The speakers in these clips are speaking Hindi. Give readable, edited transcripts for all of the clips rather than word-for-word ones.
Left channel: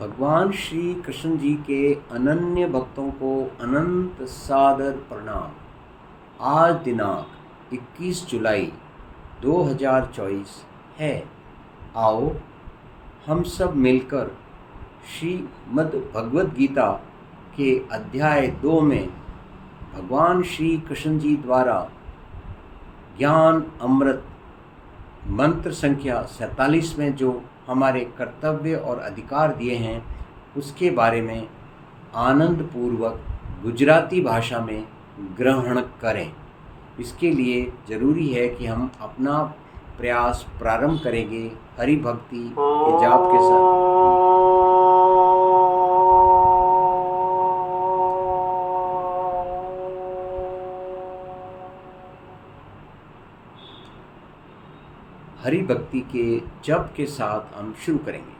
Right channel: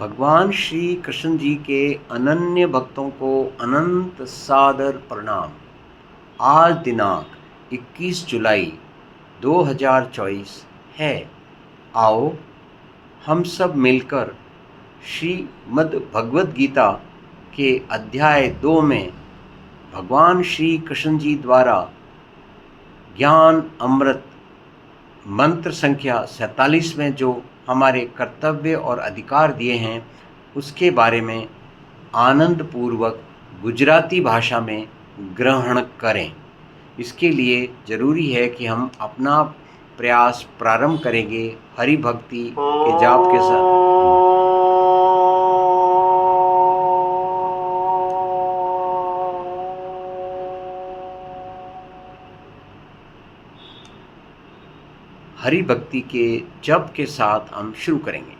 भगवान श्री कृष्ण जी के अनन्य भक्तों को अनंत सादर प्रणाम। आज दिनांक 21 जुलाई 2024 है। आओ हम सब मिलकर श्रीमद् भगवद गीता के अध्याय 2 में भगवान श्री कृष्ण जी द्वारा ज्ञान अमृत मंत्र संख्या 47 में जो हमारे कर्तव्य और अधिकार दिए हैं उसके बारे में आनंदपूर्वक गुजराती भाषा में ग्रहण करें। इसके लिए ज़रूरी है कि हम अपना प्रयास प्रारंभ करेंगे हरि भक्ति के जाप के साथ। हरि भक्ति के जप के साथ हम शुरू करेंगे।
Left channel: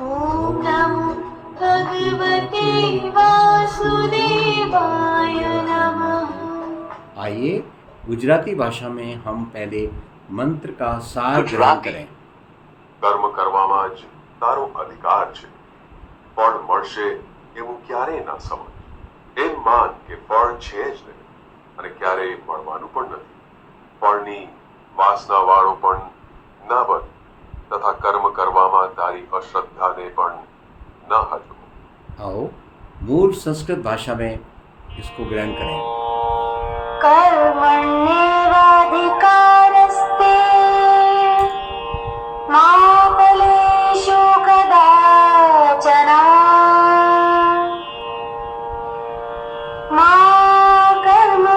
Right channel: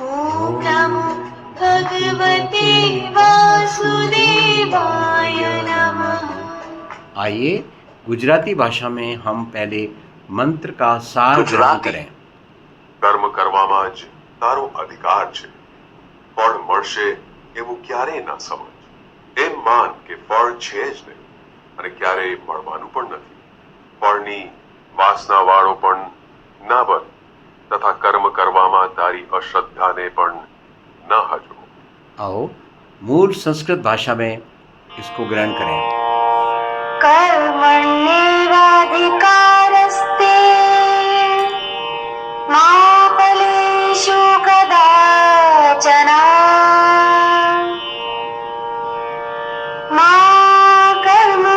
ओम नमो भगवते वासुदेवाय नमः। आइए गुजराती भाषा में हम पहले मंत्र का सार ग्रहण करें। કર્મ કરવામાં જ તારો અધિકાર છે, ફળ મળશે એવું ક્યારેય ના સમજ. એમ માન કે ફળ છે જ નહીં અને ક્યારેય મળવાનું પણ નથી. ફળની વાસનાવાળો પણ ના બન તથા કર્મ કરવામાં તારી અશ્રદ્ધાને પણ ન હજવો. आओ मूल संस्कृत भाषा में इसको ग्रहण करें। कर्मण्येवाधिकारस्ते मा फलेषु कदाचन मा कर्मफलहेतुर्मा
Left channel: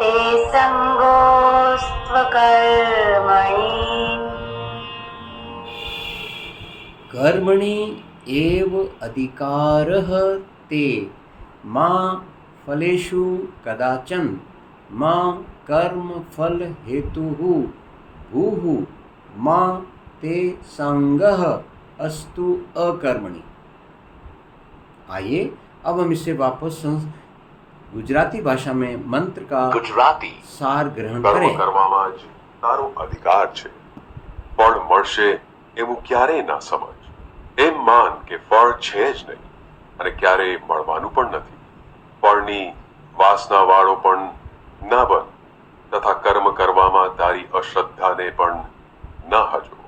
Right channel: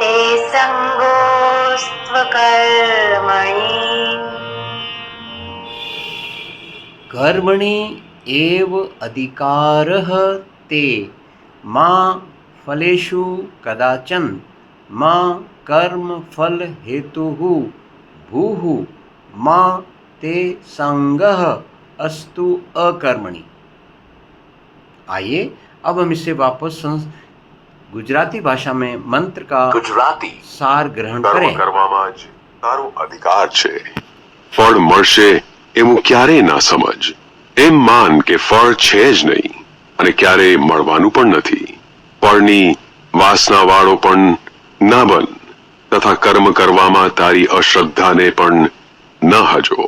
ते संगोऽस्त्वकर्मणि। कर्मणि एव अधिकारः ते मा फलेषु कदाचन मा कर्म फल हेतुः भूः मा ते संगः अस्तु अकर्मणि। आइए अब हम इसे वापस गुजराती भाषा में मंत्र का ગુજરાતી सार ग्रहण કર્મ करें। કરવામાં જ તારો અધિકાર છે, ફળ મળશે એવું ક્યારેય ના સમજ. એમ માન કે ફળ છે જ નહીં અને ક્યારેય મળવાનું પણ નથી. ફળની વાસનાવાળો પણ ના બન તથા કર્મ કરવામાં તારી અશ્રદ્ધાને પણ ન હજો.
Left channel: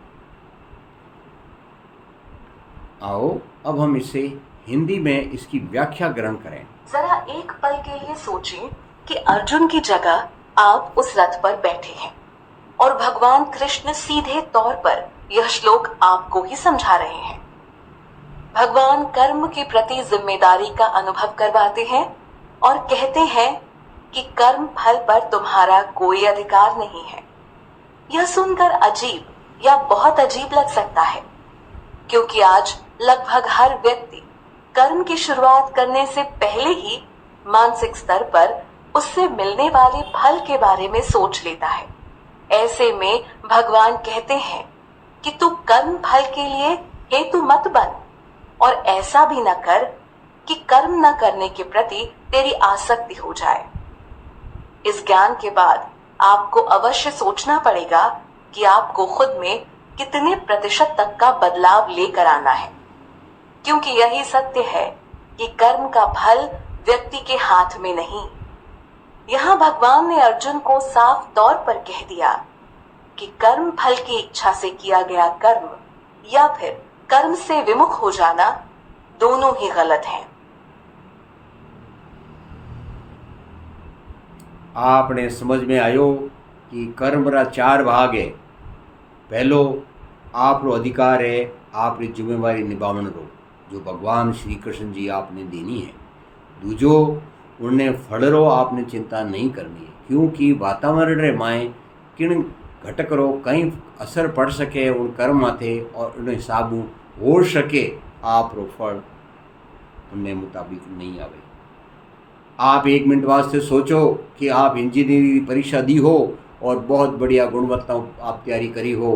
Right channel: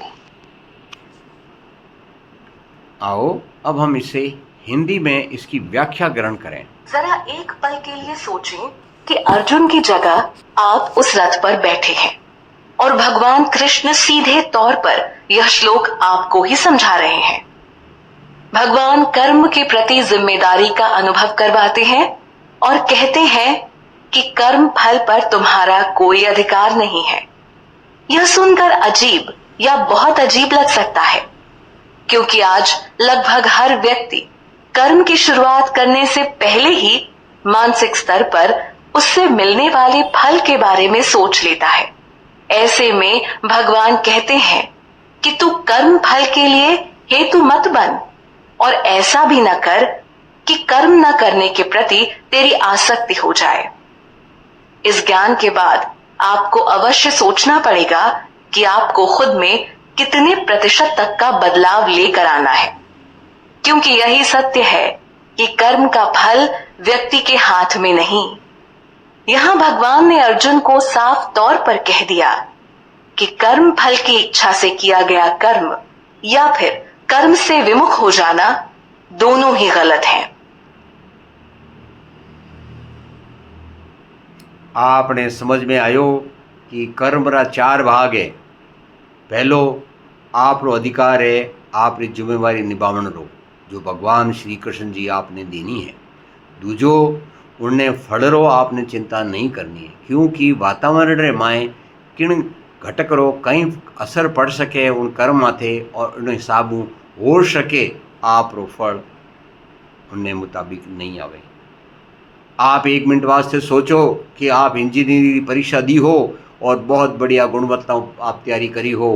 आओ अब हम इसे हिंदी में इसकी व्याख्या ग्रहण करें। जरा एक पल के लिए सोचें कि अर्जुन की जगह आप उस रथ पर बैठे हैं और भगवान कृष्ण सीधे तौर पर यह श्लोक आपको ही समझा रहे हैं। भगवान कर्म के प्रति जिम्मेदारी का अनुभव करवाते हैं और कहते हैं कि कर्म फल पर तुम्हारा कोई अधिकार नहीं है। यह सुनकर अजीब या बहुत अजीब लग सकता है, क्योंकि आज लगभग हर व्यक्ति कर्म की शुरुआत करने से पहले ही मानसिक स्तर पर उससे मिलने वाले फल के बारे में सोच लेता है। ऐसे में भगवान कहते हैं कि तू कर्म फल के लिए हेतु मत बन और ऐसा भी न कर कि कर्म न करने के प्रति तेरी आसक्ति हो जाए। इस ज्ञान के बाद आपको अवश्य सोचना पड़ेगा कि आपको खुद में कितने प्रतिशत तक का बदलाव लेकर आना है, क्योंकि यही सत्य है कि कर्म का फल व्यक्ति के हाथ में नहीं। यहाँ भगवान ने अर्जुन को साफ तौर पर कह दिया कि कर्म फल की इच्छा से किया गया कर्म या फिर कर्म से विमुख हो जाना दोनों ही गलत हैं। आपने समझ में आयो कि कर्म रा 4 भाग है। पहलो आपरो अधिकार है, आपरी जिम्मेवारी निभावण रो जो भगवान श्री कृष्ण जी आपने देनी है। दूजो उनने फल रो आपने चिंता नहीं करनी है, क्योंकि वातावरण रे माए किण घटक रो कहीं असर पड़ सके उन कर्म माथे और उन हिसाबू हो सके आप रो फल उनने मुताबिक नहीं आवे। आप 1 मिनट वास्ते सोचो कि आप इंजीनियरिंग की परीक्षा दी हो और बहुत बढ़िया गुणवत्ता आप तैयारी करी हो,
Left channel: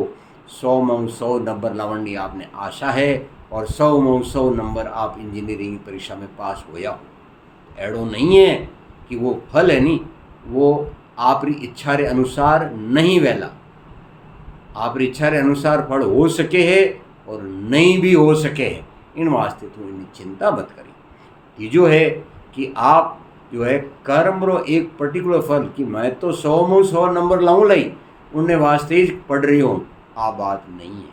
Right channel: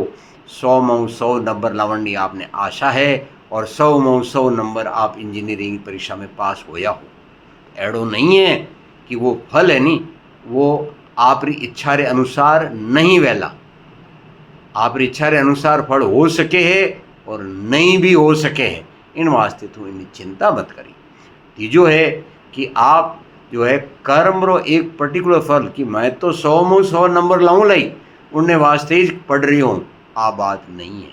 100 में 100 नंबर लावण आपने आशा है और 100 में 100 नंबर आप इंजीनियरिंग परीक्षा में पास होया हो। एड़ो नहीं है कि वो फल है नी वो आपरी इच्छा रे अनुसार नहीं वेला, आपरी इच्छा रे अनुसार फल हो सके है और नहीं भी हो सके है। इन वास्ते तू इनकी चिंता मत करी। तीजो है कि आप जो है कर्म रो एक पर्टिकुलर फल कि मैं तो 100 में 100 नंबर लाऊं लाई उनने वास्ते ही पढ़ रही हूँ, आ बात नहीं है।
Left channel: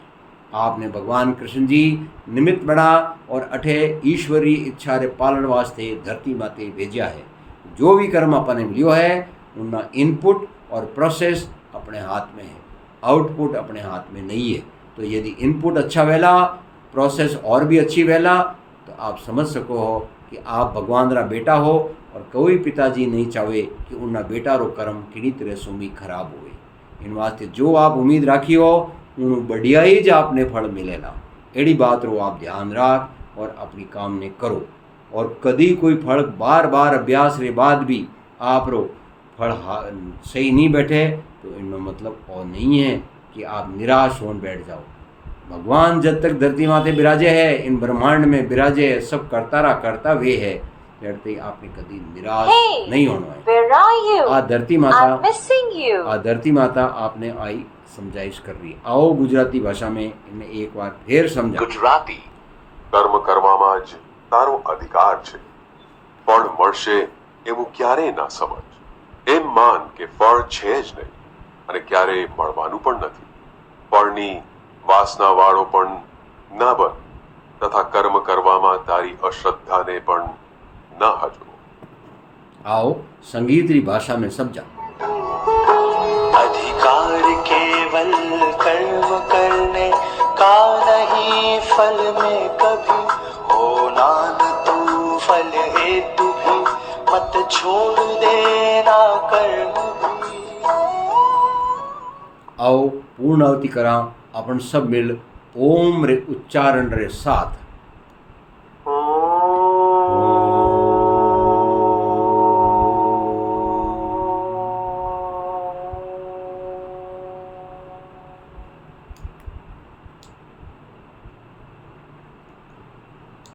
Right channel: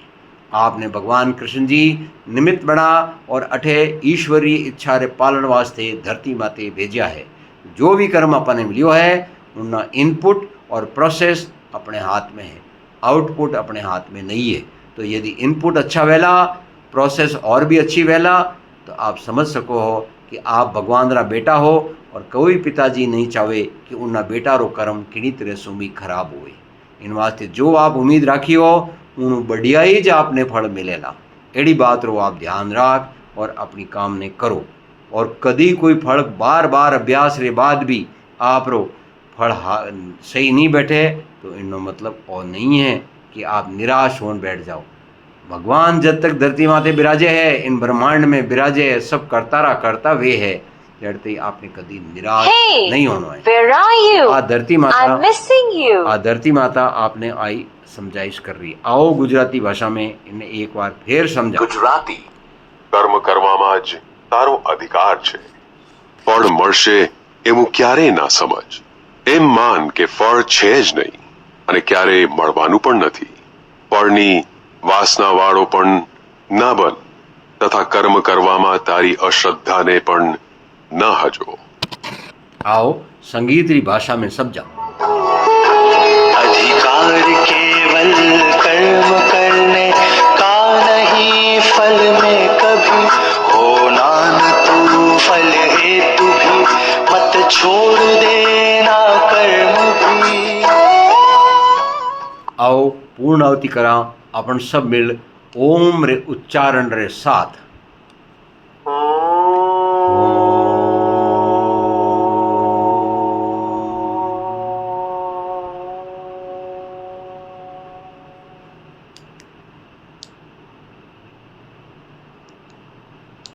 आपने भगवान कृष्ण जी निमित्त बना और अठे ईश्वरीय इच्छा रे पालन वास्ते धरती माते भेजा है। जो भी कर्म अपने मिलियो है उनका इनपुट और प्रोसेस अपने हाथ में है, आउटपुट अपने हाथ में नहीं है। तो यदि इनपुट अच्छा वेला, प्रोसेस और भी अच्छी वेला, तो आप समझ सको हो कि आप भगवान रा बेटा हो और कोई पिताजी नहीं चाहे कि उनका बेटा रो कर्म किनी तरह सुमी खराब होए। इन वास्ते जो आप उम्मीद राखी हो उन बढ़िया ही जो आपने फल मिलेला। एड़ी बात रो आप ध्यान राख और अपनी काम ने करो। और कदी कोई फल बार बार अभ्यास रे बाद भी आप रो फल सही नहीं बैठे तो इनका मतलब और नहीं है कि आप निराश होने बैठ जाओ। भगवान जब तक धरती माते बिराजे है, इन ब्रह्मांड में बिराजे है, सब करता वे है, जड़ते आपने कभी निराश नहीं होना है। Where are you? आ धरती माता, I'm missing you. आ धरती माता आपने आई समझाइश कर रही है। आओ गुजराती भाषा में इन्हें एक बार फिर समझा। ગુજરાતી કર્મ કરવામાં જ તારો અધિકાર છે, ફળ મળશે એવું ક્યારેય ના સમજ। એમ માન કે ફળ છે જ નહીં અને ક્યારેય મળવાનું પણ નથી। ફળની વાસના વાળો પણ ના બન તથા કર્મ કરવામાં તારી અશ્રદ્ધાને પણ ન હજો। आओ संगीत री भाषा में समझा। अधिकार केवल कर्म करने का नहीं, फल में कभी होना न तू फल हेतु भी, मत छोड़ देना कर्म भी। आओ पूर्ण आवती करा अपन सब मिल ओम रे उच्चारण रे साथ।